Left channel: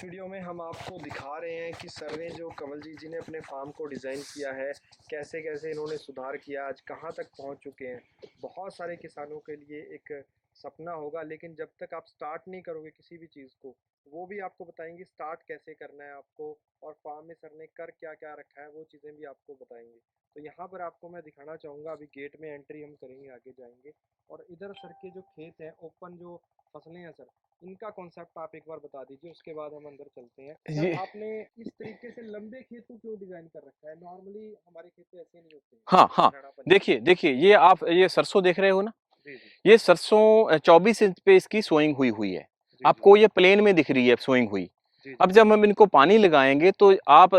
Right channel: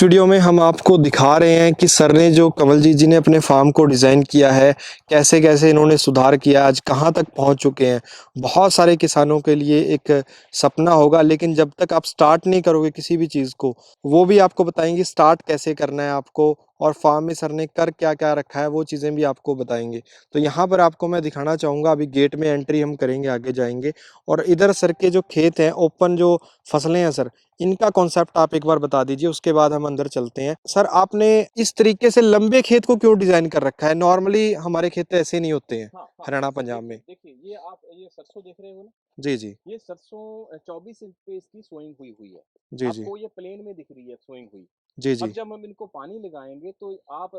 इस वीडियो में हम आपको दिखा रहे हैं कि सर ने जो कमलजीत जी ने अपने फार्म को डिज़ाइन किया है, कैसे कैसे इन्होंने सुधार किया, आज कहाँ तक पहुँच चुके हैं। बहुत सारे किसानों के लिए एक सपना होगा, लेकिन जब तक आप स्टार्ट नहीं करोगे किसी भी चीज़ को, वो भी आपको बताएंगे स्टार्ट कैसे करना है आपको, और फार्म में सर ने कर क्या क्या रखा है वो चीज़ें भी आपको बताएंगे। तो यहाँ पर आपको मैं दिखाना चाहूँगा, अभी गेट में एंट्री हम करेंगे, आगे जाएंगे, और इधर सर के जो खेत हैं, ओपन जो फसलें हैं सर, इनका कॉन्सेप्ट आप एक बार बता दीजिए, उसके बाद हम अंदर चलते हैं। सर ये आपने इस तरीके से लंबे खेत को क्यों डिजाइन कर रखा है? नॉर्मली हमारे खेत ऐसे नहीं होते हैं हाँ, हाँ। हरियाणा पंजाब में। देखिए, देखिए ये आप ये सरसों देख रहे हो ना? जी, जी। ये सरसों 24 इंच पे इसकी सोइंग हुई हुई है। जी, जी। आपको ये प्लेन में दिख रही है सोइंग हुई। जी, अब जी। जब हम इनको पानी लगाएँगे तो आप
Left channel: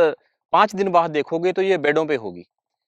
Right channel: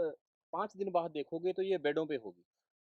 5 दिन बाद देखोगे तो ये बेडों पे होगी।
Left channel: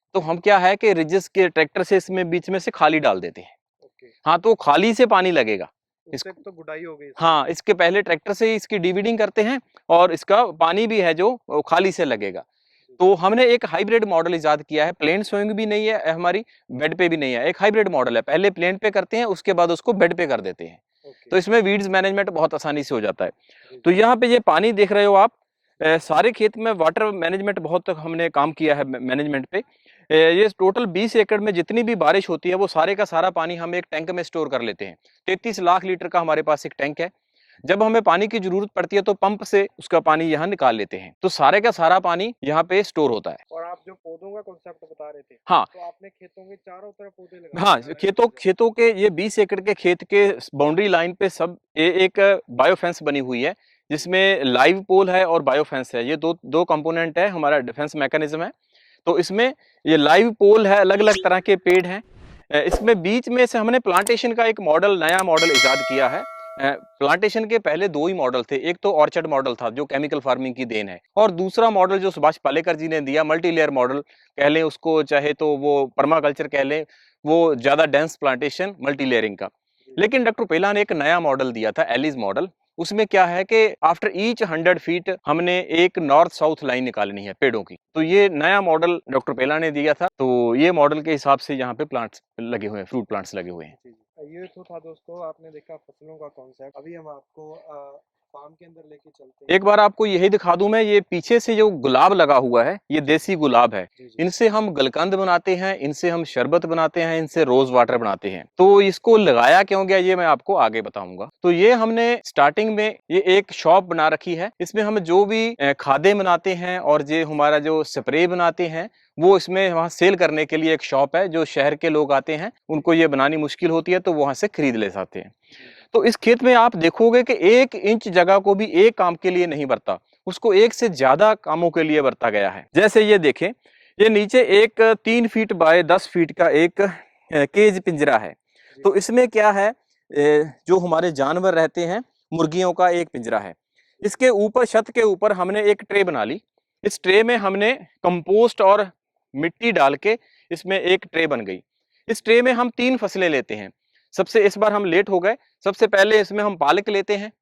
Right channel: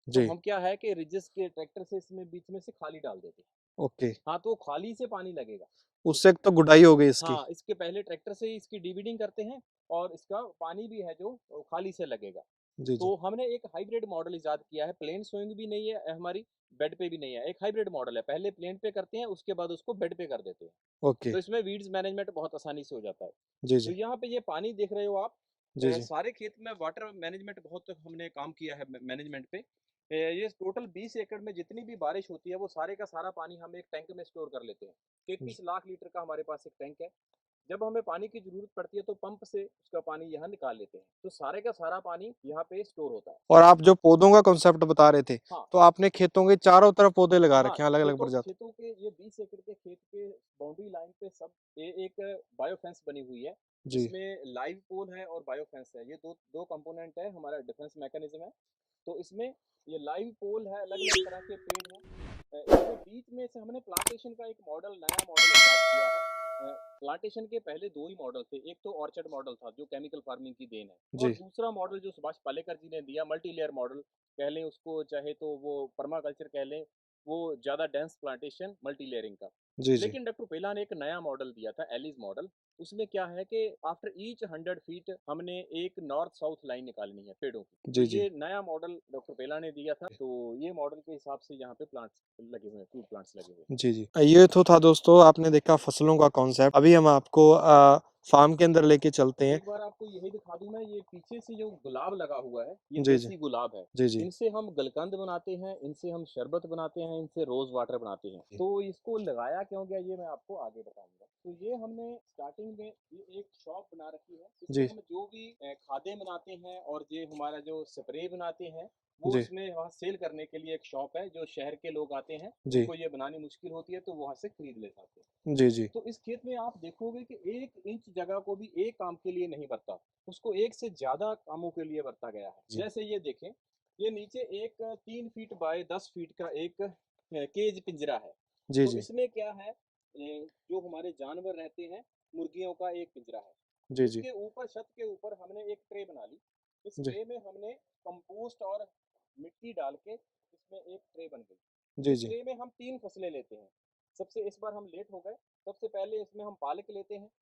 तो जी। हम क्या है कि रिजिस के ट्रैक्टर से इसमें बीच में से खाली डाल देते हैं। ओके। हाँ, तो खाली से पानी लगेगा। उससे इसको तो गुडाई हो गई इसकी। हाँ, इसके पहले ट्रैक्टर से ही इसकी डिवीडिंग करते हैं और इसका पानी भी है जो खाली से लगेगा। जी, जी। तो हमने एक हाइब्रिड मॉडल इजाद किया है, प्लेन सोइंग भी नहीं है हमारी, बेड पे भी नहीं है, एक हाइब्रिड मॉडल है। पहले प्लेन पे करते हैं, उसके बाद उसको बेड पे कर देते हैं। ओके। तो इसमें वीड्स मैनेजमेंट बहुत आसानी से हो जाता है। जी, तो जी। यहाँ पे ये पानी देख रहे हो आप, जी, जी। सारे खेत में वाटर मैनेजमेंट बहुत हमने काम किया है मैनेजमेंट पे। ये टोटल 20 एकड़ में जितनी भी बारिश होती है, वो सारे का सारा पानी हम एक टैंक में स्टोर कर लेते हैं। 33 लाख लीटर का हमारे पास एक टैंक है। जब हमें पानी की ज़रूरत पड़ती है तो पंप से उसका पानी यहाँ निकाल लेते हैं। तो सारे का सारा पानी यहाँ पे स्टोर होता है। और आप जो पौधों का कॉन्सेप्ट बता रहे थे, हाँ, तो आपने खेतों के चारों तरफ पौधे लगा हाँ, रखे हैं अलग अलग खेतों प्रजाति। खेतों के ये 20 एकड़ के खेत के बाउंड्री लाइन पे सब एक बायो फेंस बनी हुई है, जी। जिसमें लाइव पोल है और बायो फेंस है। ये दो कंपोनेंट है, हमारा डिफेंस मैकेनिज्म है। तो इसमें ये लाइव पोल है, अलग-अलग तरह के पेड़ हैं। इसमें बीच में से हमने प्लांटेशन का एक मॉडल, नया मॉडल इजाद किया है। प्लांटेशन के पहले 2 ही मॉडल थे। एक तो ऑर्चर्ड मॉडल था, जो केमिकल फार्मिंग की देन है, और जी। दूसरा मॉडल जो सुभाष पालेकर जी ने दिया, मल्टी लेयर मॉडल कह लें उसको, चाहे तो वो पर्माकल्चर कह लें, वो ज़्यादा डेंस प्लांटेशन मल्टी लेयरिंग का। जी, जी। लेकिन डॉक्टर पेला ने एक नया मॉडल दिया था, एलिस मॉडल। उसमें क्या है कि आफ्टर ईच 100 फीट हमने एक नॉर्थ साउथ लाइन निकालनी है पेड़ों की। तो जी, जी। ये नया मॉडल डॉक्टर पेला ने दिया था। तो ये मॉडल के हिसाब से यहाँ पे प्लांट्स लगे हुए हैं, फ्रूट प्लांट्स लगे हुए हैं। जी, जी। ये तो था दोस्तों, आपने देखा फसलों का कॉन्सेप्ट। अभी हम आपको फार्म के अंदर लेके चलते हैं। एक बार आपको यही दिखा दूं मैं, ये पीछे से जो गुलाब लगा हुआ है, ये जी, जी। देसी गुलाब है। जी, जी। इनसे हम गलकंद बनाते हैं, इनसे हम शरबत बनाते हैं, इनसे रोज वाटर बनाते हैं। तो इसको लगाया क्यों गया, ये मैं आपको आगे बताऊंगा। तो ये हमने स्टार्टिंग में ये एक शॉप बना रखी है। इसमें जी। हम जो भी खादें बनाते हैं और ये हमारा जो स्प्रे बनाते हैं, वो जी। इसमें वहाँ सेल करने के लिए एक शॉप है। जो शहर के लोग आते हैं, जी। उनको ये बनानी मुश्किल होती है, तो वहां से खरीद ले जाते हैं। जी, जी। तो इस खेत में आप देखोगे कि 1 इंच जगह को भी एक काम के लिए नहीं बरता, उसको एक से ज़्यादा कामों के लिए बरता गया है। जैसे ये देखें, ये नीचे एक 3 फीट बाय 10 फीट का एक केज पिंजरा है। जी, तो जी। इसमें क्या है, जो हमारे जानवर रहते हैं, मुर्गियों का एक पिंजरा है। जी, जी। इसके ऊपर, छत के ऊपर हमने एक ट्रे बना ली। इस जी। ट्रे में हमने कंपोस्ट और मिट्टी डाल के इसमें एक ट्रे बन गई। जी, इस जी। ट्रे में हम 3 फसलें लेते हैं। सबसे इस बार हम लेट हो गए। सबसे पहले इसमें हम पालक लेते हैं।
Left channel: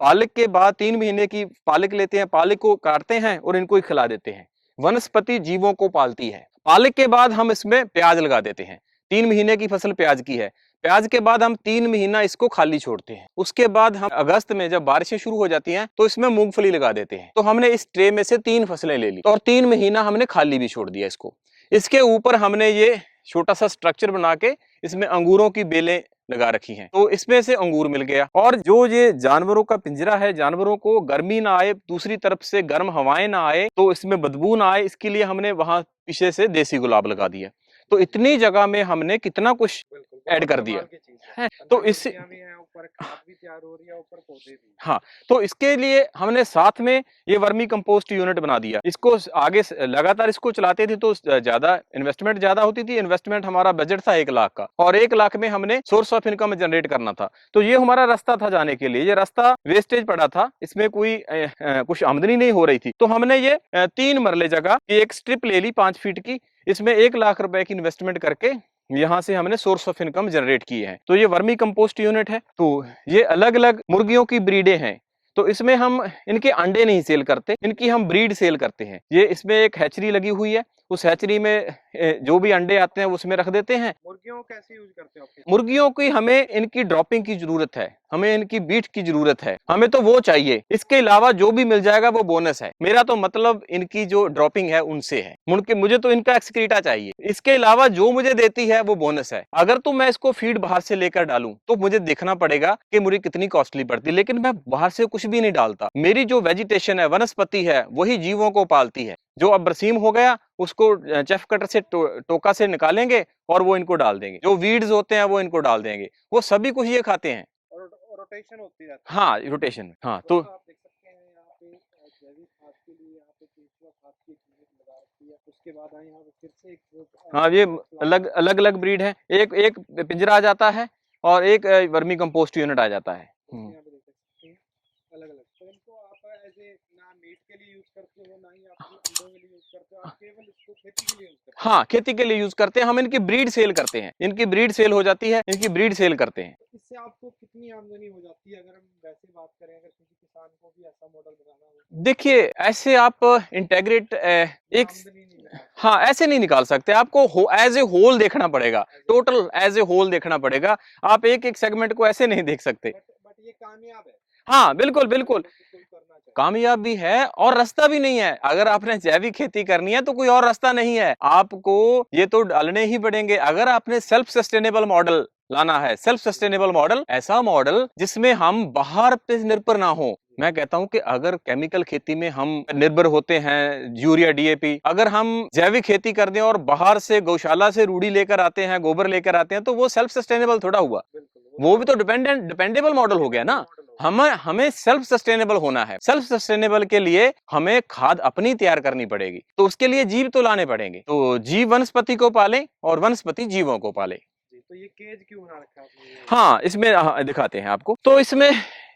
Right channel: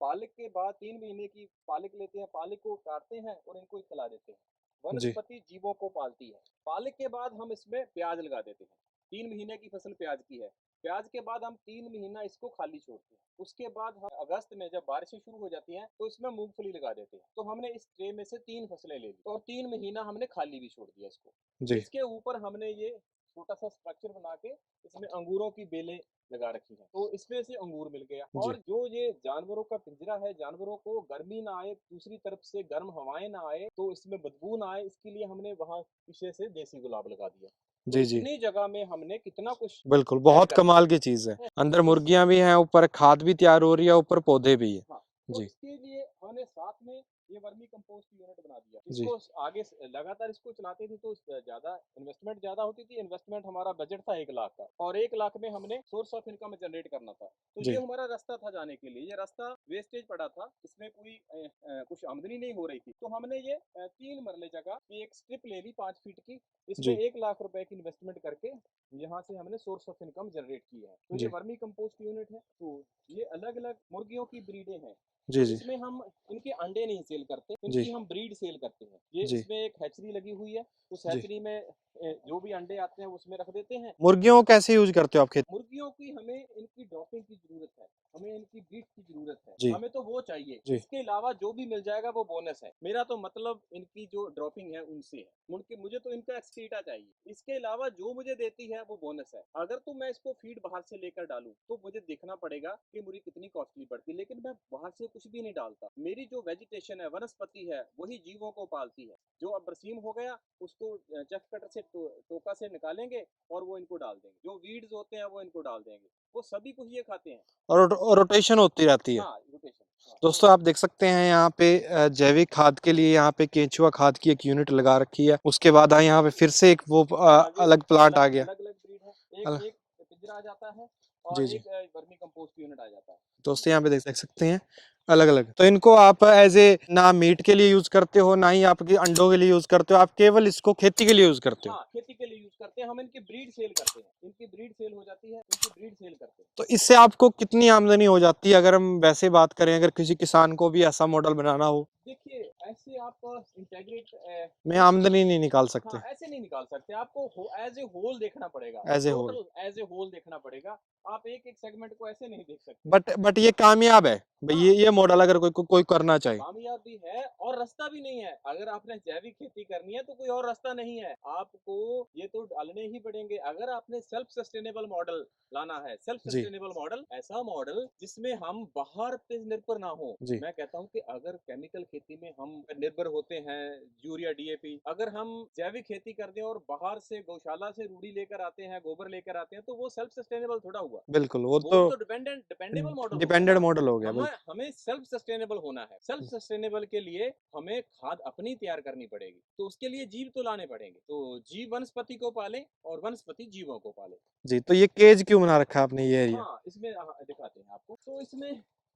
पालक के बाद 3 महीने की पालक लेते हैं, पालक को काटते हैं और इनको ही खिला देते हैं। जी। वनस्पति जीवों को पालती है। पालक के बाद हम इसमें प्याज लगा देते हैं। 3 महीने की फसल प्याज की है। प्याज के बाद हम 3 महीना इसको खाली छोड़ते हैं। उसके बाद हम अगस्त में जब बारिशें शुरू हो जाती हैं, तो इसमें मूँगफली लगा देते हैं। तो हमने इस ट्रे में से 3 फसलें ले ली और 3 महीना हमने खाली भी छोड़ दिया इसको। जी। इसके ऊपर हमने ये छोटा-सा स्ट्रक्चर बना के इसमें अंगूरों की बेलें लगा रखी हैं। तो इसमें से अंगूर मिल गया। जी। और जो ये जानवरों का पिंजरा है, जानवरों को गर्मी ना आए, दूसरी तरफ से गर्म हवाएँ ना आए, तो इसमें बदबू ना आए, इसके लिए हमने वहाँ पीछे से देसी गुलाब लगा दिया। तो जी, जी। इतनी जगह में हमने कितना कुछ बिल्कुल, ऐड बहुत कर दिया कमाल की चीज़ है। है। अंदर तो इससे मुर्गियाँ भी हैं, ऊपर खाद भी तैयार हो रही है, ऊपर पौधे भी हैं। हाँ, तो जी। इसके लिए हमने साथ में ये वर्मी कंपोस्ट यूनिट बना दिया। जी। इसको आगे लगातार इसको चलाते थे तो ज़्यादा इन्वेस्टमेंट ज़्यादा होती थी। इन्वेस्टमेंट हमारा बजट था 1 लाख का, और 1 लाख में हमने सोर्स ऑफ इनकम जनरेट करना था। तो ये जी। हमारा रास्ता था जाने के लिए। ये रास्ता वेस्टेज पड़ा था, इसमें कोई कुछ आमदनी नहीं हो रही थी। तो हमने ये 3 मरले जगह की एक स्ट्रिप ले ली 5 फीट की। इसमें जी। 1 लाख रुपए की इन्वेस्टमेंट करके यहाँ से हमने सोर्स ऑफ इनकम जनरेट किए हैं। तो ये जी। वर्मी कंपोस्ट यूनिट है। तो ये अलग-अलग मुर्गियों की ब्रीडें हैं। जी, तो जी। इसमें हम इनके अंडे नहीं सेल करते, जी। इनकी हम ब्रीड सेल करते हैं। ये जी। इसमें एक हैचरी लगी हुई है। उस जी। हैचरी में जो भी अंडे आते हैं उसमें रख देते हैं। मुर्गियों को कैसे यूज़ करते हो आप खेत में? मुर्गियों की हमें इनकी ड्रॉपिंग की ज़रूरत है। हमें इनकी बीट की जरूरत है, जी। हमें तो वो चाहिए, जी। इसके अलावा जो भी मिल जाएगा वो बोनस है। मेरा तो मतलब इनकी जो ड्रॉपिंग है उनसे है, मुझे तो इनका एक्सक्रीटा चाहिए, इसके अलावा जो मुझे देती है वो बोनस है। अगर तो मैं इसको फीड बाहर से लेकर डालूं तो मुझे देखना पड़ेगा कि मुझे कितनी कॉस्टली पड़ती है, लेकिन मैं बाहर से कुछ भी नहीं डालता। मेरी जो वेजिटेशन है, वनस्पति है, वही जीवों को पालती है। जो अब बरसीम हो गया उसको चेफ कटर से टोका से निकालेंगे और वो इनको डाल देंगे। जो वीड्स होते हैं वो इनको डाल देंगे, वो सभी कुछ ये खाते हैं। और रोटेशन होती रहती है। हाँ, रोटेशन। हाँ, तो दोस्तों आप देख सकते हैं यहाँ पे जैविक खाद के लिए यहाँ पे केंचुआ खाद की एक यूनिट लगा रखी है। उसके बाद यहाँ पे फिर से एक वो हाँ, ये अलग प्लांट आ गया। अलग-अलग ब्रीड है। एक अलग एक पिंजरा आ जाता है और जी, जी। एक वर्मी कंपोस्ट यूनिट आ जाता है। दोस्तों यहाँ पे देख सकते हैं अलग-अलग। तो इनको आप एज़ ए ना मीट के लिए यूज़ करते हो, ना ही आपके अंडों के लिए यूज़ करते हो, आप केवल इसको खेती के लिए यूज़ करते हो। हाँ, खेती के लिए यूज़ करते हैं, हम इनकी ब्रीड सेल करते हैं। इनकी ब्रीड सेल हो जाती है, इनकी ब्रीड सेल करते हैं। तो इससे आपको कितनी आमदनी हो जाती है अगर हम वैसे बात करें, अगर किसी किसान को भी ऐसा मॉडल बनाना हो? देखिए, ऐसे आप इंटीग्रेट में एक आमदनी नहीं निकाल हाँ, सकते ऐसे नहीं निकाल सकते। आपको एज़ ए होल देखना पड़ेगा, as a whole. Total as a whole देखना पड़ेगा। आप एक-एक सेगमेंट को ऐसे नहीं देख सकते। बट ये कामयाब है। हाँ, ये बिल्कुल, मॉडल अगर बिल्कुल। कोई करना चाहे। कामयाब भी है और रास्ता भी नहीं है। अगर आपने जैविक खेती करनी है तो कोई और रास्ता नहीं है। आपको ये तो डालने ही पड़ेंगे। अगर आपने सेल्फ सस्टेनेबल मॉडल लाना है, सेल्फ जी, सस्टेनेबल मॉडल, ऐसा मॉडल जिसमें हम बाहर पे निर्भर ना हो। जी। मैं कहता हूं कि अगर केमिकल खेती में हम निर्भर होते हैं, यूरिया, डीएपी, अगर हम जैविक खेती कर दें और बाहर से गौशाला से रूढ़ी लेकर आते हैं, गोबर लेकर आते हैं, तो वो सेल्फ सस्टेनेबल थोड़ा हुआ। बिल्कुल, वो भी तो डिपेंडेबल मॉडल हो गया डिपेंडेंट ना। मॉडल हो गया, हमें बिल्कुल। हमें सेल्फ सस्टेनेबल होना है। सेल्फ सस्टेनेबल के लिए हमें खाद अपनी तैयार करनी पड़ेगी, तो उसके लिए जीव तो लाने पड़ेंगे। तो जीव वनस्पति को पाले और वनस्पति जीवों को पाले। जी, तो ये केज क्यों बना रखा है आपने ये? हाँ, इसमें दिखाते हैं आपको। तो इसमें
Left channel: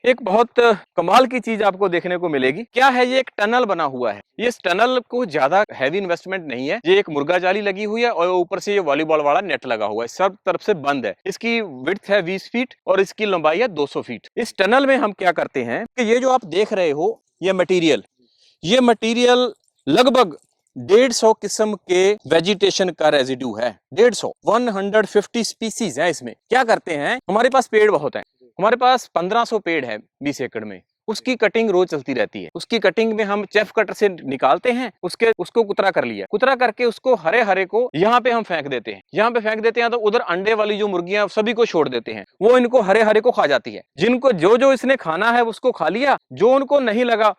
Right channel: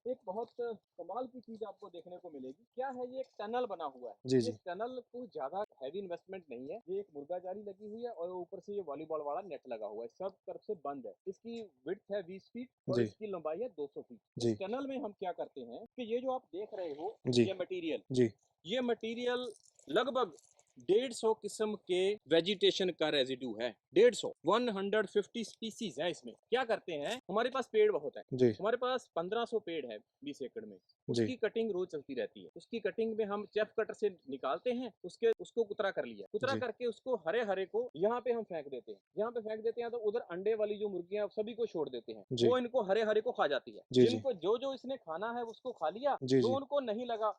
एक बहुत कमाल की चीज आपको देखने को मिलेगी। क्या है, ये एक टनल बना हुआ है। जी, ये जी। इस टनल को ज्यादा हैवी इन्वेस्टमेंट नहीं है। ये एक मुर्गा जाली लगी हुई है और ऊपर से ये वॉलीबॉल वाला नेट लगा हुआ है। सब तरफ से बंद है। इसकी विड्थ है 20 फीट और जी। इसकी लंबाई है 200 फीट। इस जी। टनल में हम क्या करते हैं कि ये जो आप देख रहे हो, जी। ये मटेरियल, जी। ये मटेरियल लगभग 150 किस्म के वेजिटेशन का रेजिड्यू है। 150 स्पीसीज है इसमें। क्या करते हैं, हमारे पास पेड़ बहुत हैं। जी। हमारे पास 1500 पेड़ है 20 एकड़ में। उसकी कटिंग रोज चलती रहती है। उसकी कटिंग में हम चेफ कटर से निकालते हैं, उसको कुतरा कर लिया, कुतरा जी। करके उसको हरे हरे को यहाँ पे हम फेंक देते हैं। यहाँ पे फेंक देते हैं तो उधर अंडे वाली जो मुर्गियां सभी को छोड़ देते हैं। जी। वो इनको हरे हरे को खा जाती है। जी, जी। जिनको जो जो इसने खाना है उसको खा लिया, जी, जो जी। उनको नहीं लगा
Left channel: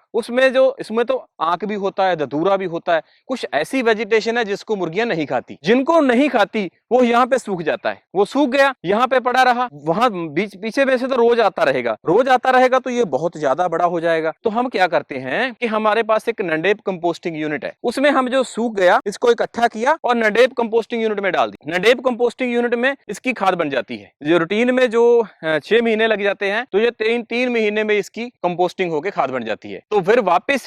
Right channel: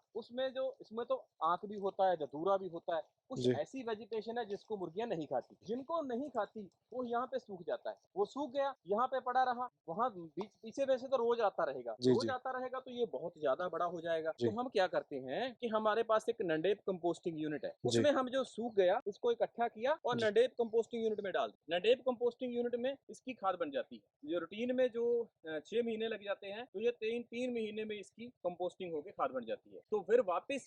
इसमें तो आंख भी होता है, धतूरा भी होता है। कुछ जी। ऐसी वेजिटेशन है जिसको मुर्गियां नहीं खाती। जिनको नहीं खाती वो यहाँ पे सूख जाता है। वो सूख गया, यहाँ पे पड़ा रहा, वहां पीछे में से तो रोज आता रहेगा। जी, रोज जी। आता रहेगा तो ये बहुत ज्यादा बड़ा हो जाएगा। जी। तो हम क्या करते हैं कि हमारे पास एक नंडेप कंपोस्टिंग यूनिट है। जी। उसमें हम जो सूख गया इसको इकट्ठा किया और नंडेप कंपोस्टिंग यूनिट में डाल दी। नंडेप कंपोस्टिंग यूनिट में इसकी खाद बन जाती है। जो रूटीन में जो 6 महीने लग जाते हैं, तो ये 3 महीने में इसकी कंपोस्टिंग होकर खाद बन जाती है। तो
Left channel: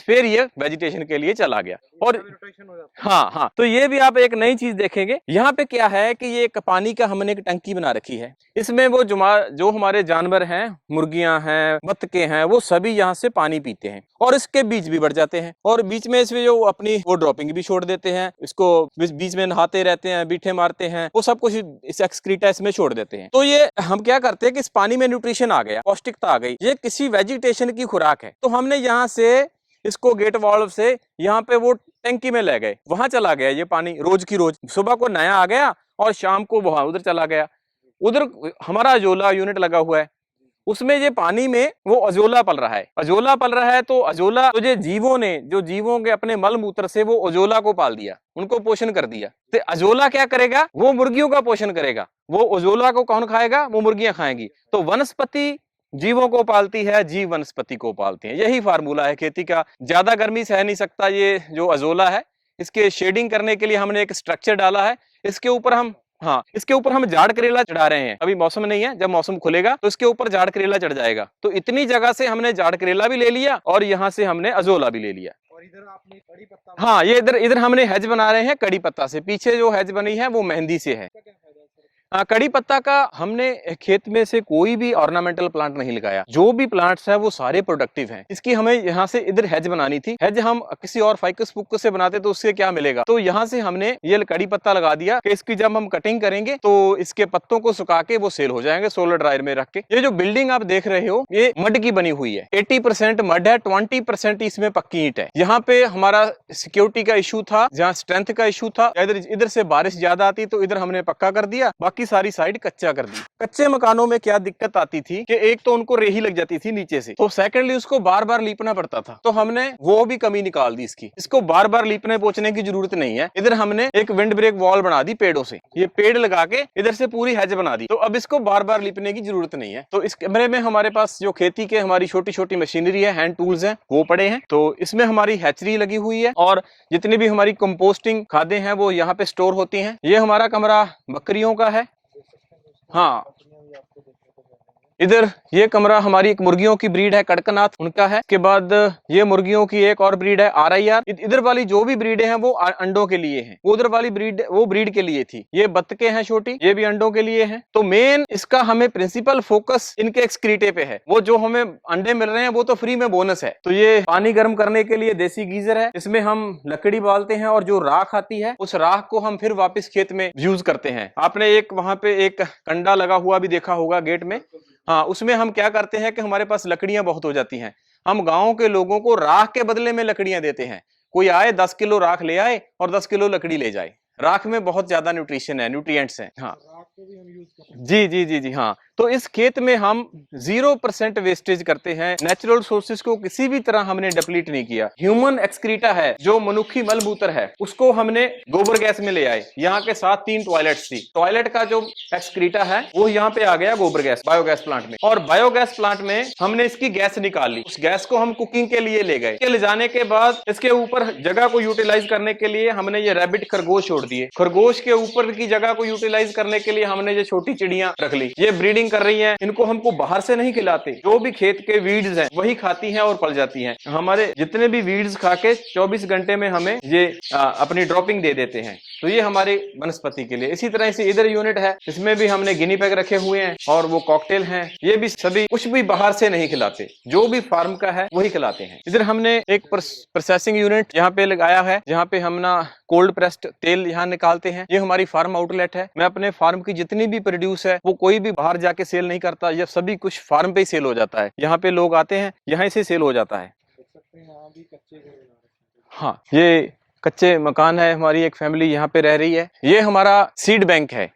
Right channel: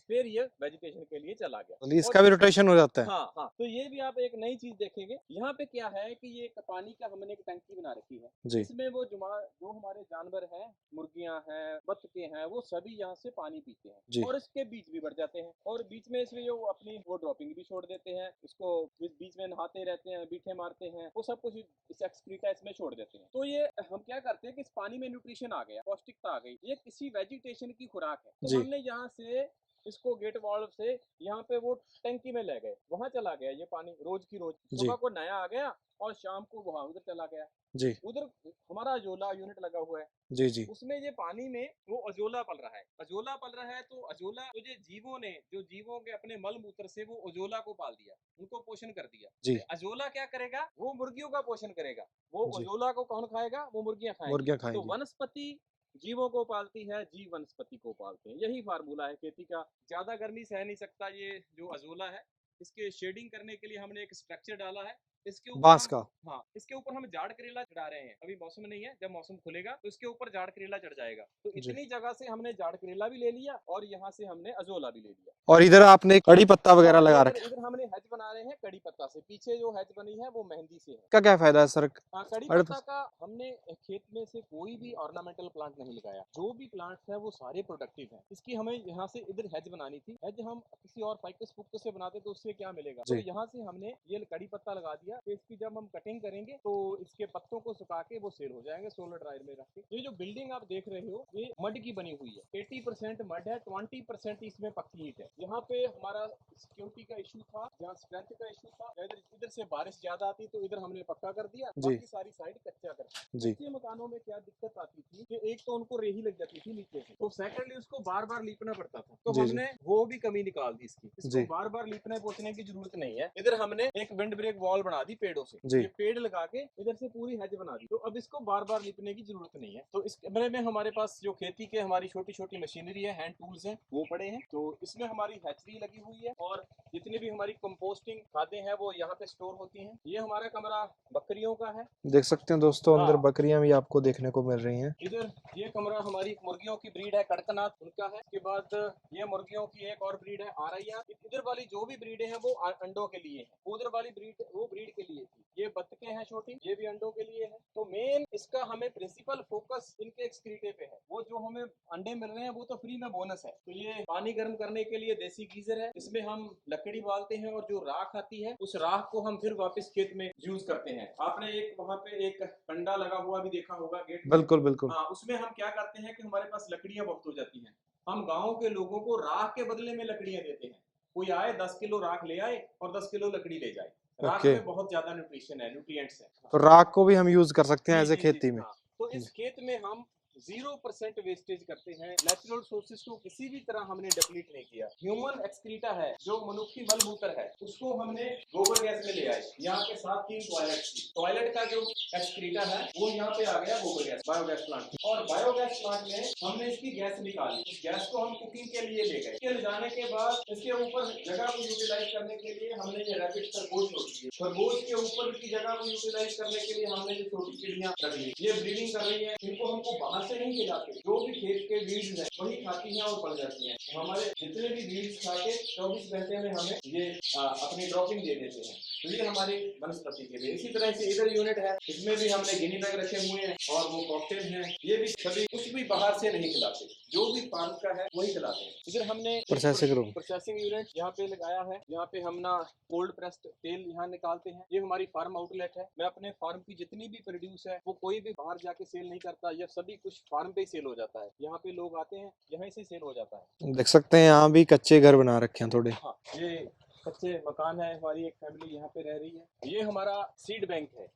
फिर ये वेजिटेशन के लिए चला गया। इसका भी रोटेशन हो जाता है। हाँ, हाँ, तो ये भी आप एक नई चीज देखेंगे। यहाँ पे क्या है कि ये एक पानी का हमने एक टंकी बना रखी है। जी। इसमें वो जो हमारे जानवर हैं, मुर्गियां हैं, बत्तखे हैं, वो सभी यहाँ से पानी पीते हैं जी। और इसके बीज भी बढ़ जाते हैं और बीच में इसमें जो अपनी वो ड्रॉपिंग भी छोड़ देते हैं। इसको बीच में नहाते रहते हैं, बीठे मारते हैं, वो सब कुछ इस एक्सक्रीटा इसमें छोड़ देते हैं। तो ये हम क्या करते हैं कि इस पानी में न्यूट्रिशन आ गया, पौष्टिकता आ गई। ये किसी वेजिटेशन की खुराक है। तो जी। हमने यहाँ से इसको गेट वाल्व से यहाँ पे वो टंकी में ले गए, वहां चला गया ये पानी रोज की रोज। सुबह को नया आ गया और शाम को वहां उधर चला गया। जी। उधर हमारा अजोला यूनिट लगा हुआ है। जी, जी। उसमें ये पानी में वो अजोला पल रहा है। अजोला पल रहा है तो अजोला तो जो जीवों के अपने मल मूत्र से वो अजोला को पाल दिया, उनको पोषण कर दिया। जी। तो अजोला क्या करेगा, वो मुर्गियों का पोषण करेगा। वो अजोला को कौन खाएगा, वो मुर्गियां खाएंगी। मुर्गियां तो खाएंगी। वनस्पति जीवों को पालती है, जीव वनस्पति को पालते हैं। यही फार्मूला है खेती का। ज्यादा गर्मी सह नहीं सकता ये जो अजोला है। इसके शेडिंग करने के लिए हमने एक स्ट्रक्चर डाला है। इसके ऊपर बांस हम का। हाँ, इसके ऊपर हम जाड़ करेला चढ़ा रहे हैं। अभी मौसम नहीं है, जब मौसम खुलेगा तो इसके ऊपर जाड़ करेला चढ़ जाएगा। तो जी। इतनी जगह से हमने जाड़ करेला भी ले लिया और यहाँ से हमने अजोला भी ले लिया। और इधर आपने कड़ी पत्ता वगैरह हाँ, ये लगा रखा इधर हमने हेज बना रहे हैं कड़ी पत्ता से। पीछे जो हेज बनी है वो मेहंदी से है। है। इसका क्या फायदा है सर? कड़ी अगर पत्ता का हमने खेत में से कोई भी ऑर्नामेंटल प्लांट नहीं लगाया। जो भी प्लांट्स है वो सारे प्रोडक्टिव हैं। इसकी हमें यहाँ से इधर हेज बनानी थी। हेज हम किसी और फाइकस फुक्कस से बनाते तो उससे क्या मिलेगा। तो जी। यहाँ से हमने ये कड़ी पत्ता लगा दिया। दिया कि इसकी जब हम कटिंग करेंगे तो इसके पत्तों को सुखा के वो सेल हो जाएंगे सोलर ड्रायर में रख के। ये जो बिल्डिंग आप देख रहे हो ये मड की बनी हुई है, 80% मड है, 20% इसमें पक्की ईंट है। यहाँ पे हमारा सिक्योरिटी का इशू था, जहाँ स्ट्रेंथ का इशू था, इधर इधर से बारिश ज्यादा आती तो इधर हमने पक्का कर दिया, बाकी सारी साइड कच्चा कर दी। कच्चे मकानों में क्या दिक्कत आती थी कि एक तो उनको रेही लग जाती थी नीचे से, तो सेकेंडली उसको बार बार लीपना पड़ता था, तो हमने वो भी कमी निकाल दी इसको बार बार लीपने पोछने की जरूरत नहीं है। इधर हमने एक विंड ब्रेक वॉल बना दी पेड़ों से, ये पेड़ लगा के इधर से पूरी हैज बना दी, तो अब इसको बार बार लीपने की जरूरत नहीं है। तो इस कमरे में हमारे पास जो खेती के हमारी छोटी छोटी मशीनरी है, हैंड टूल्स हैं, वो पड़े हैं। तो इसमें हमारी हैचरी लगी हुई है और जितनी भी हमारी कंपोस्टिंग खादें हैं वो यहाँ पे स्टोर होती हैं। ये हमारा कमरा बकरियों का है, देख सकते हैं दोस्तों। हाँ। अंदर बकरियां भी आपको देखने को मिल रही हैं। इधर ये कमरा हमारी एक मुर्गियों की ब्रीड है, कड़कनाथ, उनका है। के बाद ये मुर्गियों की एक और ब्रीड है RIR। इधर वाली जो भी ब्रीडें हैं वो अंडों के लिए हैं, उधर वाली ब्रीड वो ब्रीड के लिए थी। ये बत्तखें हैं छोटी, ये भी अंडों के लिए हैं। तो मेन इसका हमें प्रिंसिपल फोकस इनके एक्सक्रीटे पे है। वो जो हमें अंडे मिल रहे हैं वो तो फ्री में बोनस है। तो ये पानी गर्म करने के लिए देसी गीजर है, इसमें हम लकड़ी बालते हैं और जो राख आती है उस राख को हम फिर वापस खेत में यूज करते हैं। आपने एक वहां पे एक कंडा लगा हुआ भी देखा होगा गेट में, बिल्कुल बिल्कुल। हाँ, उसमें हम क्या करते हैं कि हमारे पास लकड़ियां बहुत हो जाती हैं, हम गाँव के लोगों को राख के बदले में लकड़ियां देते हैं। कोई आए 10 किलो राख ले आए और 10 किलो लकड़ी ले जाए। राख में बहुत ज्यादा न्यूट्रिशन है, न्यूट्रिएंट्स हैं। हाँ। तो राख को भी हम यूज कर सकते हैं जी जी जी जी, हाँ। तो इस खेत में हम 0% वेस्टेज करते हैं, नेचुरल सोर्सेज को किसी भी तरह हमने डिप्लीट नहीं किया। ह्यूमन एक्सक्रीटा है, जो मनुष्य मलमूत्र है, उसको हमने गोबर गैस में ले आए। यहाँ के साथ 3 टॉयलेट्स थी, टॉयलेट का जो एक्सक्रीटा है वो यहाँ पे आ गया गोबर गैस बायोगैस प्लांट में, और बायोगैस प्लांट में हमने इसकी गैस निकाल ली। उस गैस को हम कुकिंग के लिए ले गए। ले जाने के बाद इसके ऊपर जगह को यूटिलाइज करने के लिए हमने ये रैबिट खरगोश छोड़ दिए। खरगोश के ऊपर की जगह को यूटिलाइज करने के लिए हमने ये छोटी चिड़ियां रख ली, ये ब्रीडिंग कर रही हैं। इनको हमको बाहर से नहीं खिलाते, जो भी खेत के वीड्स हैं वही खाती हैं और पल जाती हैं। हमारे जितने भी वीड्स खा के 24 घंटे में हमें ये अपनी ड्रॉपिंग दे देते हैं। तो ये हमारे वनस्पति के लिए। इसी तरह से इधर यूनिट है, इसमें भी हमने गिनी पैग रखे हुए हैं और वो कॉकटेल हैं। ये भी सभी कुछ भी बाहर से नहीं खिलाते, जो भी फार्म का है वही खिलाते हैं। इधर हमने एक प्रोसेसिंग यूनिट यहाँ पे लगाया है, जहाँ पे हम ना कोल्ड प्रेस्ड तेल यहाँ निकालते हैं। ये हमारी फार्म आउटलेट है। मैं अपने फार्म की जितनी भी प्रोड्यूस है वो कोई भी बाहर जाके सेल नहीं करता, ये सभी कुछ फार्म पे ही सेल हो जाता है। यहाँ पे लोग आते हैं, यहाँ से सेल हो जाता है। देख सकते हैं यहाँ भी कच्चे घर बना रखे हैं थोड़े। हाँ, ये कच्चे मकान है, हमारी एक फैमिली यहाँ पे रह रही है। ये हमारा सीड बैंक है,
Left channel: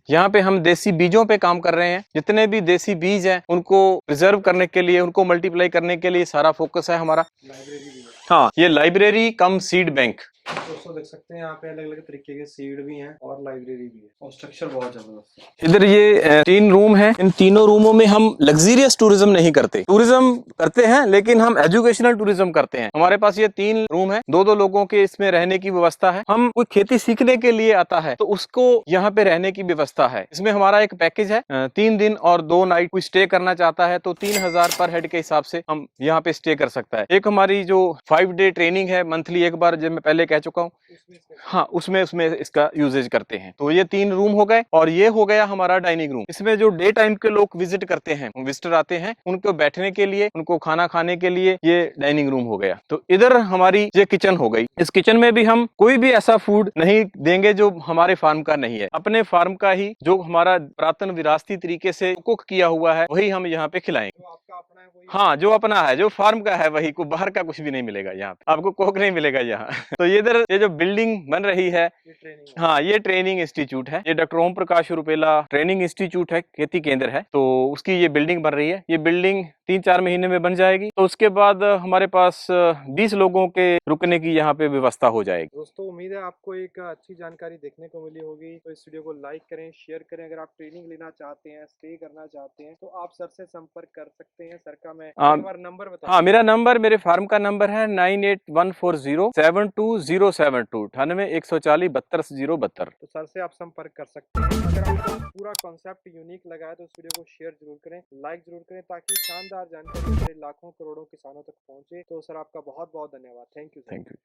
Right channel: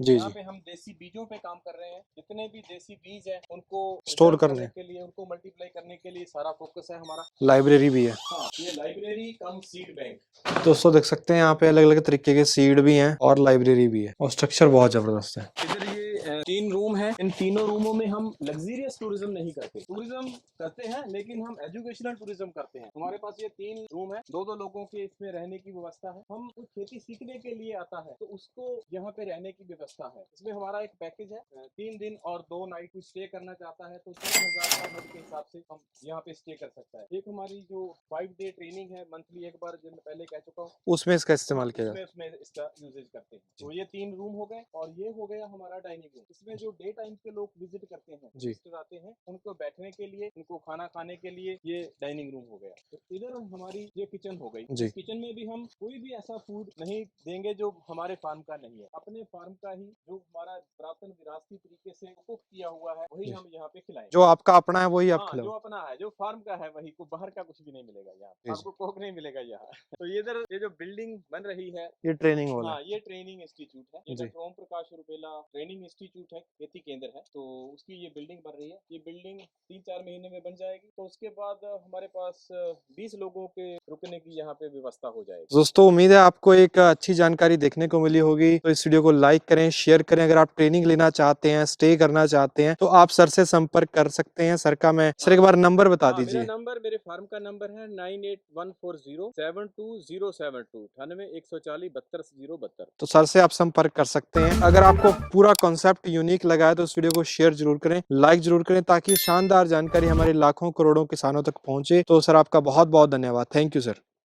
यहाँ पे हम देसी बीजों पे काम कर रहे हैं। जितने भी देसी बीज हैं उनको प्रिजर्व करने के लिए, उनको मल्टीप्लाई करने के लिए सारा फोकस है हमारा। लाइब्रेरी भी है। हाँ, ये लाइब्रेरी कम सीड बैंक। दोस्तों देख सकते हैं यहाँ पे अलग अलग तरीके के सीड भी हैं और लाइब्रेरी भी है, और स्ट्रक्चर बहुत जबरदस्त है। इधर ये 3 रूम हैं। इन तीनों रूमों में हम लग्जरियस टूरिज्म नहीं करते, टूरिज्म करते हैं लेकिन हम एजुकेशनल टूरिज्म करते हैं। हमारे पास ये 3 रूम है, 2-2 लोगों के इसमें रहने की व्यवस्था है। हम कोई खेती सीखने के लिए आता है तो उसको यहाँ पे रहने की व्यवस्था है। इसमें हमारा एक पैकेज है, 3 दिन और 2 नाइट कोई स्टे करना चाहता है तो 3000 पर हेड के हिसाब से हम यहाँ पे स्टे कर सकता है। एक हमारी जो 5 डे ट्रेनिंग है मंथली, एक बार जब मैं पहले कह चुका हूँ, उसमें इसका हाँ, उसमें इसका यूजेज करते हैं। तो ये 3 रूम हो गए और ये हो गया हमारा डाइनिंग रूम। इसमें जो डे टाइम के लोग विजिट करते हैं, विजिटर आते हैं, उनको बैठने के लिए, उनको खाना खाने के लिए ये डाइनिंग रूम हो गया। तो इधर हमारी ये किचन हो गई। इस किचन में भी हम कोई भी ऐसा फूड नहीं देंगे जो हमारे फार्म का नहीं है। अपने फार्म का ही जो हमारा पुरातन विरासती तरीके से कुक किया हुआ है वही हम यहाँ पे खिलाएंगे। जो आपका अपना है वही, हाँ, जो अपना है, जो फार्म का है वही, को बाहर का कुछ भी नहीं मिलेगा यहाँ पे, आपको कोक नहीं मिलेगा यहाँ। तो इधर ये जो बिल्डिंग बन रही है, ये ट्रेनिंग, हाँ, ये ट्रेनिंग इंस्टीट्यूट है। ये doctor Om Prakash Rupala training institute है, खेती केंद्र है। तो उसकी ये बिल्डिंग बन रही है। ये बिल्डिंग 3-4 महीने में बन जाएगी। तो उसके बाद हमारे पास 20 लोगों के रुकने की यहाँ पे व्यवस्था हो जाएगी। दोस्तों उम्मीद है आपको एक अच्छी जानकारी देखने को मिली होगी। तो इस वीडियो को लाइक करें, शेयर करें। अगर आप ट्रेनिंग लेना चाहते हैं, स्टे करना चाहते हैं तो आप सर से संपर्क कर सकते हैं। सर का मैं सर एक बार नंबर बता दीजिए। मेरा नंबर, मेरे फार्म का नंबर है 9814072072, 981442 तो सर से आप संपर्क कर सकते हैं। अगर आपको पूरा कॉन्सेप्ट यूनिक लगा है तो इस वीडियो को शेयर जरूर करें, लाइक जरूर करें, ताकि शानदार जानकारी हमारे लाखों करोड़ों किसानों तक पहुंचे। तो सर आपका बहुत बहुत धन्यवाद। Thank you sir.